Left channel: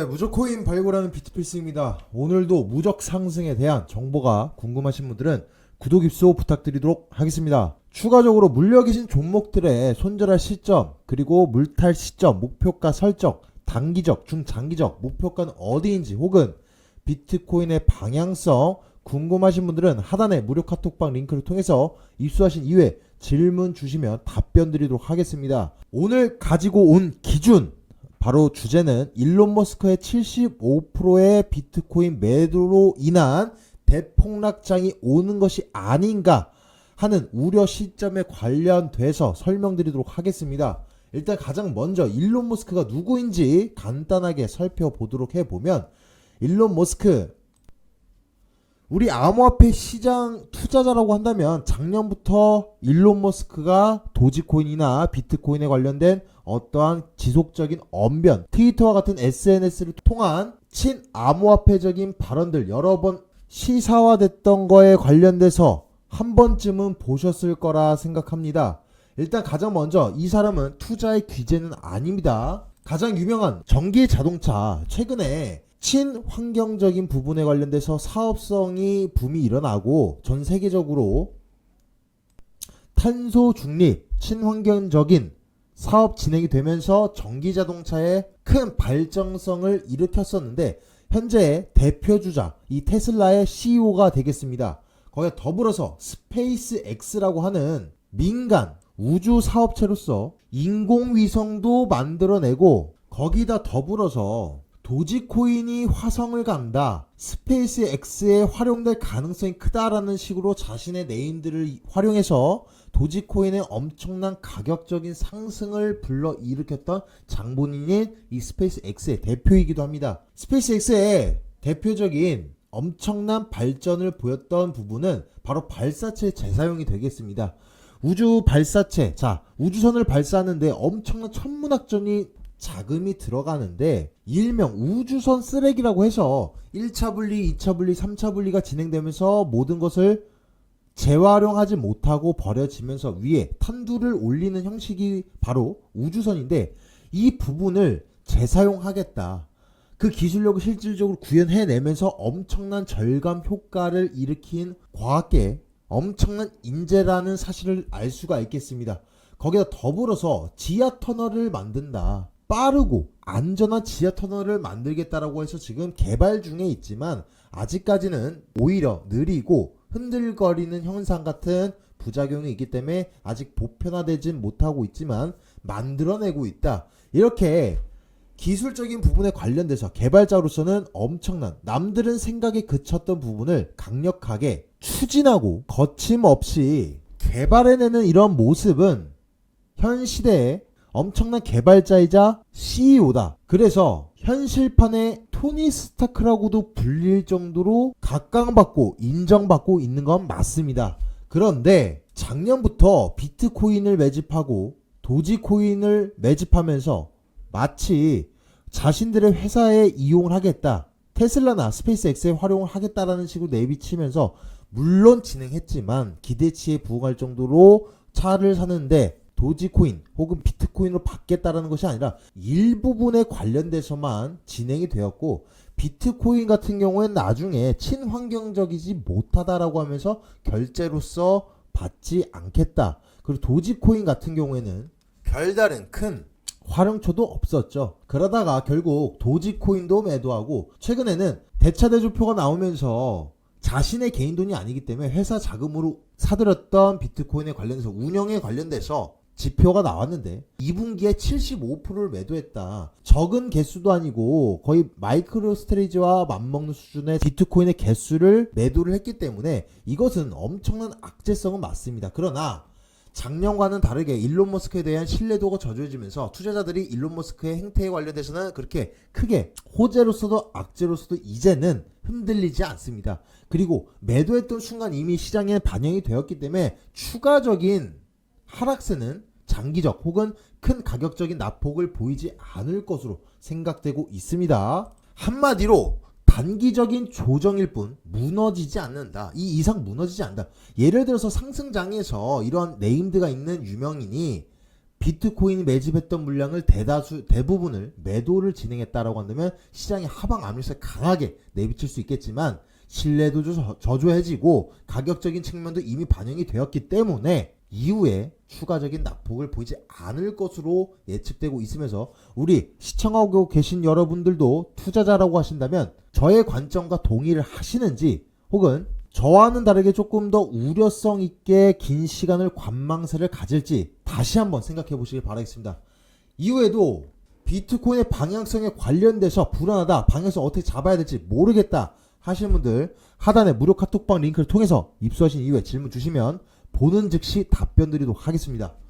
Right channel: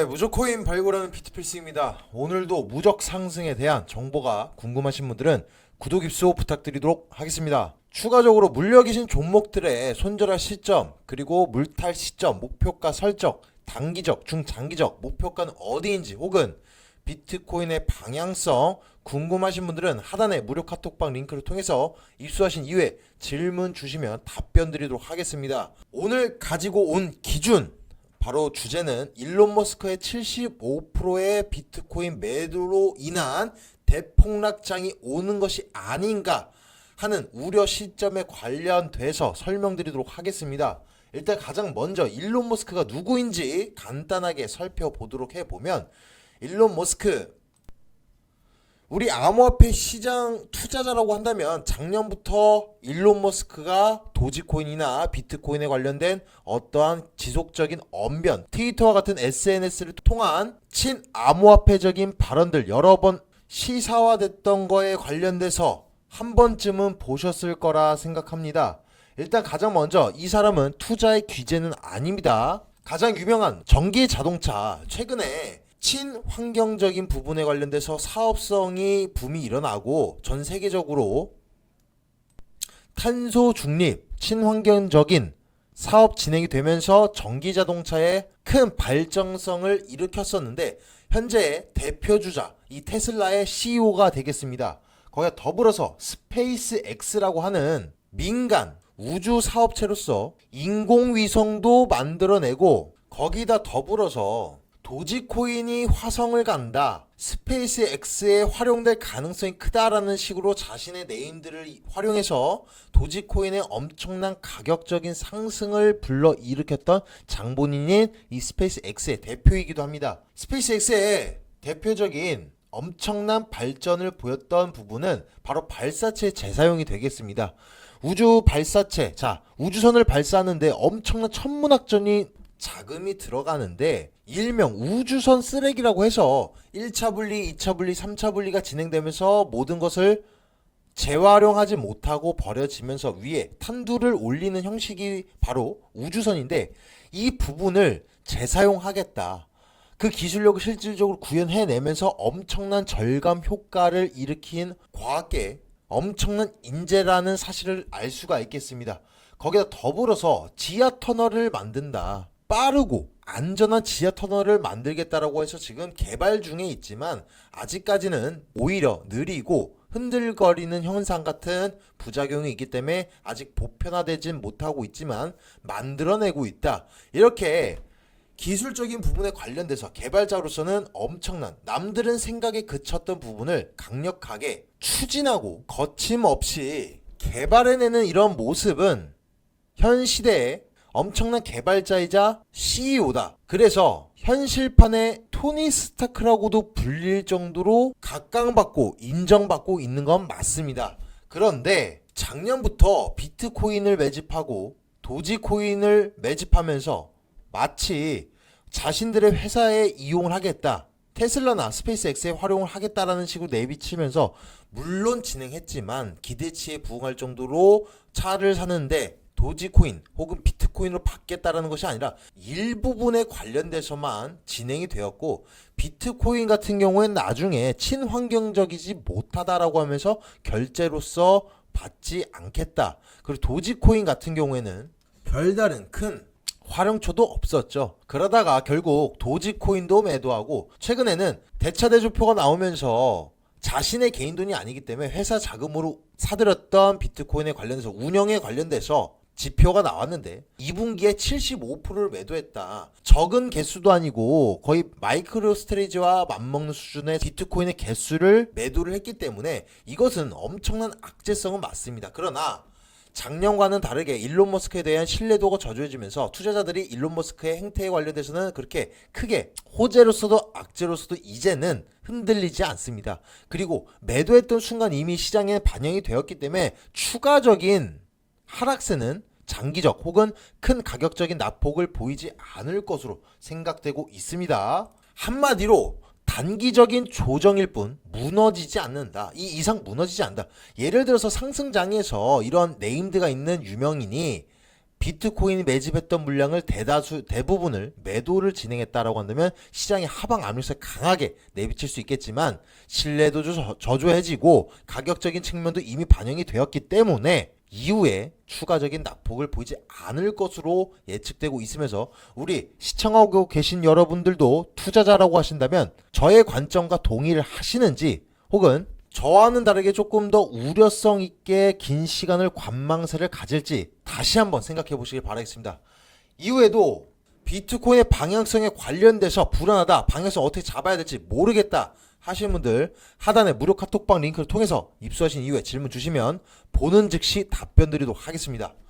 네, 무적코인 발굴하는 비트필스입니다. 오늘도 무적 상승에 대한 정보가 궁금하신 분들은 구독 입소 부탁드리도록 하겠습니다. 추가적으로 물려 계신 종목들의 손절할 시점, 그리고 물탈 시점, 목표가 설정, 단기적, 중장기적 목표가는 어디인지 혹은 비트코인의 방향성 궁금하신 분들은 하단의 무료 카톡방 링크를 통해서 입수하신 이후에 질문 주시면 답변 드리도록 하겠습니다. 오늘 가지고 온 기준, 바로 주제는 일론 머스크의 75%의 비트코인 매도로 인한 대폭락장이 오는 것이 아닌가 하는 우려 시점에 관련돼서 설명드리도록 하겠습니다. 일단 가장 먼저 일론 머스크가 누구인지 간단하게 살펴보도록 해보면, 일론 머스크, 우리 암호화폐 시장 투자자라고 한다면 작년부터 일론 머스크가 도지코인이나 비트코인에 관련된 어떠한 지속적인 언변, 트위터와 같은 SNS를 통한 친암호화폐적인 발언들 여러 번 시사화됐던 거에 관련돼서 한 번쯤은 보셨을 거라 생각합니다. 일단 가장 먼저 이 사람은 투자의 귀재는 아닙니다. 가장 유명한 전기 자동차, 최근에 친환경적인 부분에 관련돼서 사업성이 붐이 일어나고 전 세계적으로 탄소 중립, 친환경적인 사업 진행이 되면서 전기 자동차의 큰 발전성을 일으켰었는데, 현재 대표주자 이 테슬라의 CEO가 되겠습니다. 거기에 더불어서 스페이스 X라고 하는 민간 우주 사업체로서 인공위성도 만들어내고, 거기다 더불어서 도지코인이 화성을 간다, 스페이스 X에 활용될 가능성이 크다라는 식으로 자신의 네임들을 활용해서 도지코인의 엄청난 가격적인 상승을 불러일으켰던 장본인인 이 스페이스 X의 대표이기도 합니다. 스페이스 X의 대표적인 엄청난 발전을 보였던 부분은 바로 발사체 재사용이 되겠습니다. 우주 발사체, 자, 우주선을 발사하는데 엄청난 천문학적인 자금이 들어가는데, 일명 우주선 쓰레기라고 해서 1차 분리, 2차 분리, 3차 분리가 진행되면서 모든 것을 재활용하지 못하고 버려지면서 위에 탄두를 올리는 형식이 바로 우주선인데, 이 부분을 재사용하겠다, 그 기술력을 실질적으로 구현해내면서 엄청난 절감 효과를 일으킨 과학계의 엄청난 인재라는 사실을 알 수가 있겠습니다. 거기다 더불어서 지하 터널을 만든다, 빠르고 안전한 지하 터널을 만들겠다라고 해서 지금 개발 중에 있지만 아직까지는 오히려 느리고 흔들거리는 현상 같은 부작용이 있기 때문에 아직 보편화되진 못하고 있지만 만들어내고 있다. 이렇게 기술적인 부분에 관련돼서 개발자로서는 엄청난, 남들은 생각에 그쳤던 부분을 강력하게 추진하고 거침없이 개발해내는 이런 모습은 현 시대에 엄청난 개발자이자 CEO다. 그래서 현실판의 토니 스타크라고도 불릴 정도로 각광받고 인정받고 있는 건 맞습니다. 그런데 작년부터 비트코인을 매집하고 도지코인을 매집하면서 마치 자신들의 회사에 이용을 하겠다, 테슬라나 스페이스X에 활용을 하겠다라는 식으로 내비치면서 물론 진행했지만 기대치에 부응할 정도로 차를 사는데 도지코인 혹은 비트코인으로 받겠다라는 것이 아니라 일부분에 관련돼서만 진행이 되었고, 비트코인 같은 경우에는 나중에 친환경적이지 못하다라고 하면서 결제로서 받지 않겠다. 그리고 도지코인 같은 경우에는 별다른 큰 활용처도 없었죠. 그러다가 결국 도지코인도 매도하고, 최근에는 대차대조표가 나오면서 자신의 개인 돈이 아니기 때문에 회사 자금으로 사들였던 비트코인에 관련해서 운영에 관련돼서 지표가 나왔는데 2분기에 75%를 매도했다. 적은 개수도 아니고 거의 마이크로 스트레이지와 맞먹는 수준의 비트코인의 개수를 매도를 했기 때문에 이것은 엄청난 악재성은 맞습니다. 그러나 작년과는 다르게 일론 머스크에 대한 신뢰도가 저조해지면서 투자자들이 일론 머스크의 행태에 관련돼서는 그렇게 크게 호재로서도 악재로서도 이제는 흔들리지 않습니다. 그리고 매도했던 순간 이미 시장에 반영이 되었기 때문에 추가적인 하락세는 장기적 혹은 큰 가격적인 낙폭을 보이지 않을 것으로 생각되고 있습니다. 한마디로 단기적인 조정일 뿐 무너지지 않는다. 이 이상 무너지지 않는다. 예를 들어서 상승장에서 이런 네임드가 있는 유명인이 비트코인이 매집했던 물량을 대부분을 매도를 진행했다라고 한다면 시장의 하방 압력을 강하게 내비칠 수 있겠지만 신뢰도 저조해지고 가격적인 측면도 이미 반영이 되었기 때문에 이후에 추가적인 낙폭을 보이지 않을 것으로 예측되고 있으면서 우리 시청하고 계신 여러분들도 투자자라고 하신다면 저의 관점과 동의를 하시는지 혹은 저와는 다르게 조금 더 우려성 있게 긴 시간을 관망세를 가질지 다시 한번 생각해 보시길 바라겠습니다. 이후에도 비트코인의 방향성에 관련돼서 불안하다, 방향성 어떻게 잡아야 될지 모르겠다 하시는 분들 하단에 무료 카톡방 링크를 통해서 입수하신 이후에 질문 주시면 보는 즉시 답변 드리도록 하겠습니다.